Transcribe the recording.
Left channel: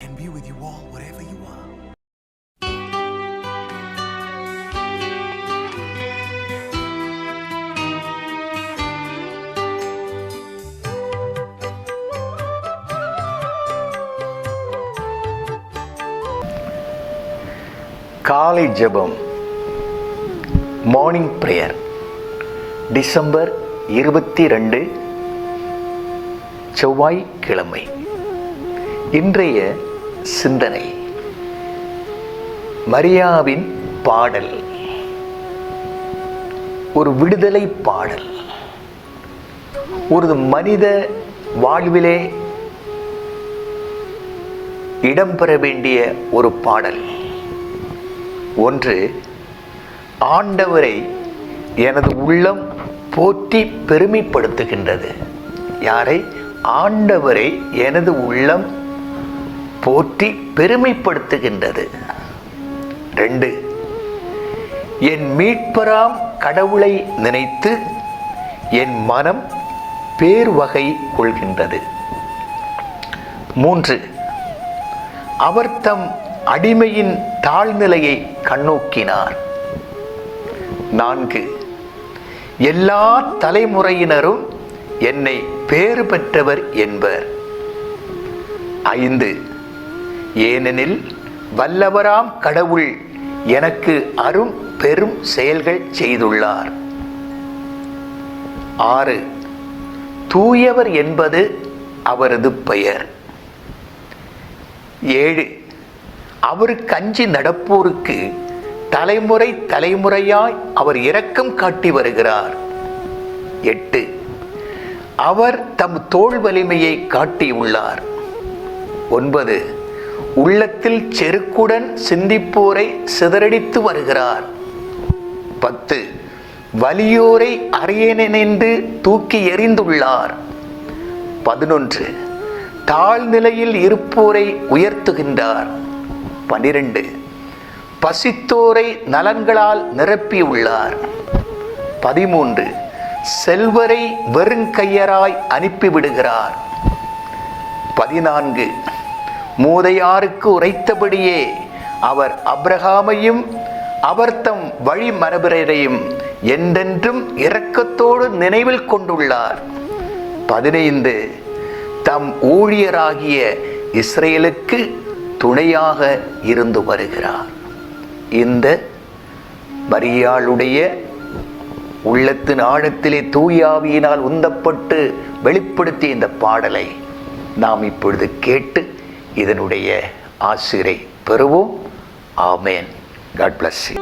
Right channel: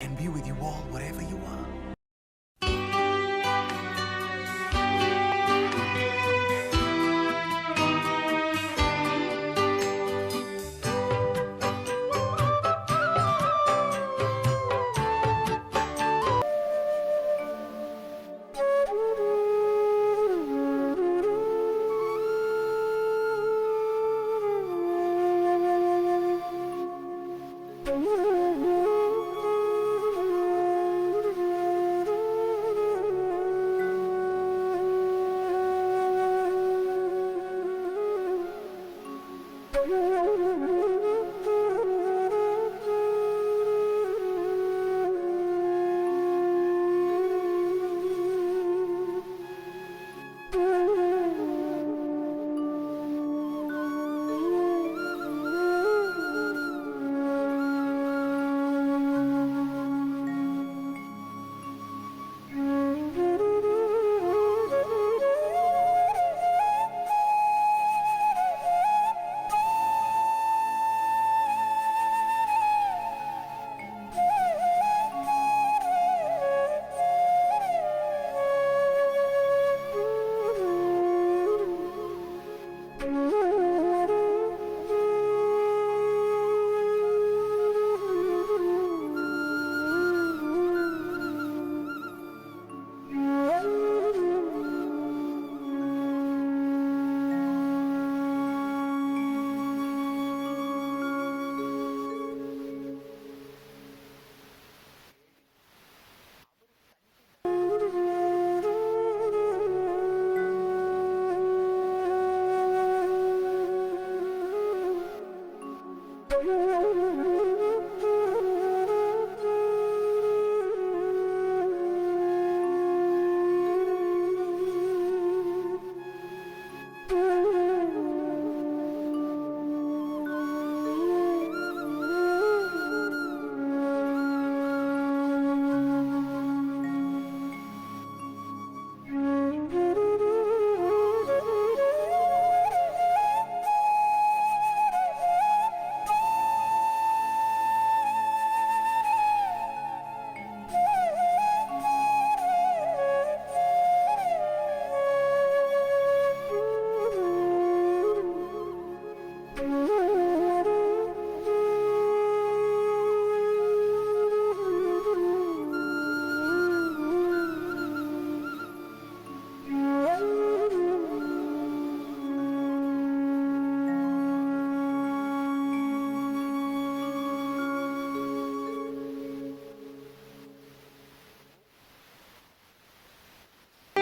and be with you all wherever you are. காலை ஜெபம், morning prayer, December 22, செவ்வாய்க்கிழமை. இன்றைய சிந்தனை மரியாவின் பாடல். ஒரு விடுதலை பாடல். ஒரு மனித வாழ்விலே இடம்பெற வேண்டிய ஒரு பாடல். ஒன்று, ஆண்டவரை எனது உள்ளம் போற்றி பெருமைப்படுத்துகின்றது. யாரை? ஆண்டவரை எனது உள்ளம் போற்றி பெருமைப்படுத்துகின்றது. 2, என் மீட்பராம் கடவுளை நினைத்து என் மனம் பேர்வகை கொள்கின்றது. 3, அவர் தம் அடிமையின் தாழ்நிலையை கண்ணோக்கினார். 4, எல்லா தலைமுறையினரும் என்னை பேறு பெற்றவர் என்பர். 5, ஏனெனில் வல்லவராம் கடவுள் எனக்கு அரும் பெரும் செயல்கள் செய்துள்ளார். 6, தூயவர் என்பது அவரது பெயர். 7, அவருக்கு அஞ்சி நடப்போருக்கு தலைமுறை தலைமுறையாய் அவர் இரக்கம் காட்டி வருகிறார். 8, அவர் தம் தோள் வலிமையை காட்டியுள்ளார். 9, உள்ளத்தில் செருக்குடன் சிந்திப்போரை சிதறடித்து வருகிறார். 10, வலியோரை அரியணென்று தூக்கி எறிந்துள்ளார். 11, தாழ்நிலையில் இருப்போரை உயர்த்துகின்றார். 12, பசித்தோரை நலங்களால் நிரப்பியுள்ளார். 13, செல்வரை வெறுங்கையராய் அனுப்பிவிடுகிறார். 14, மூதையாருக்கு உரைத்தபடியே அவர் அப்ரஹாமையும் அவர் தம் வழிமரபினரையும் என்றென்றும் இரக்கத்தோடு நினைவில் கொண்டுள்ளார். 15, தம் ஊழியராகிய இஸ்ரேலுக்கு துணையாக இருந்து வருகிறார். இந்த மரியாளுடைய உள்ளத்தின் ஆழத்திலே தூயாவியினால் உந்தப்பட்டு வெளிப்படுத்திய இந்த பாடலை நாம் இப்பொழுது கேட்டு இதனுடைய ஆசிரை பெறுவோம். ஆமேன். God bless you.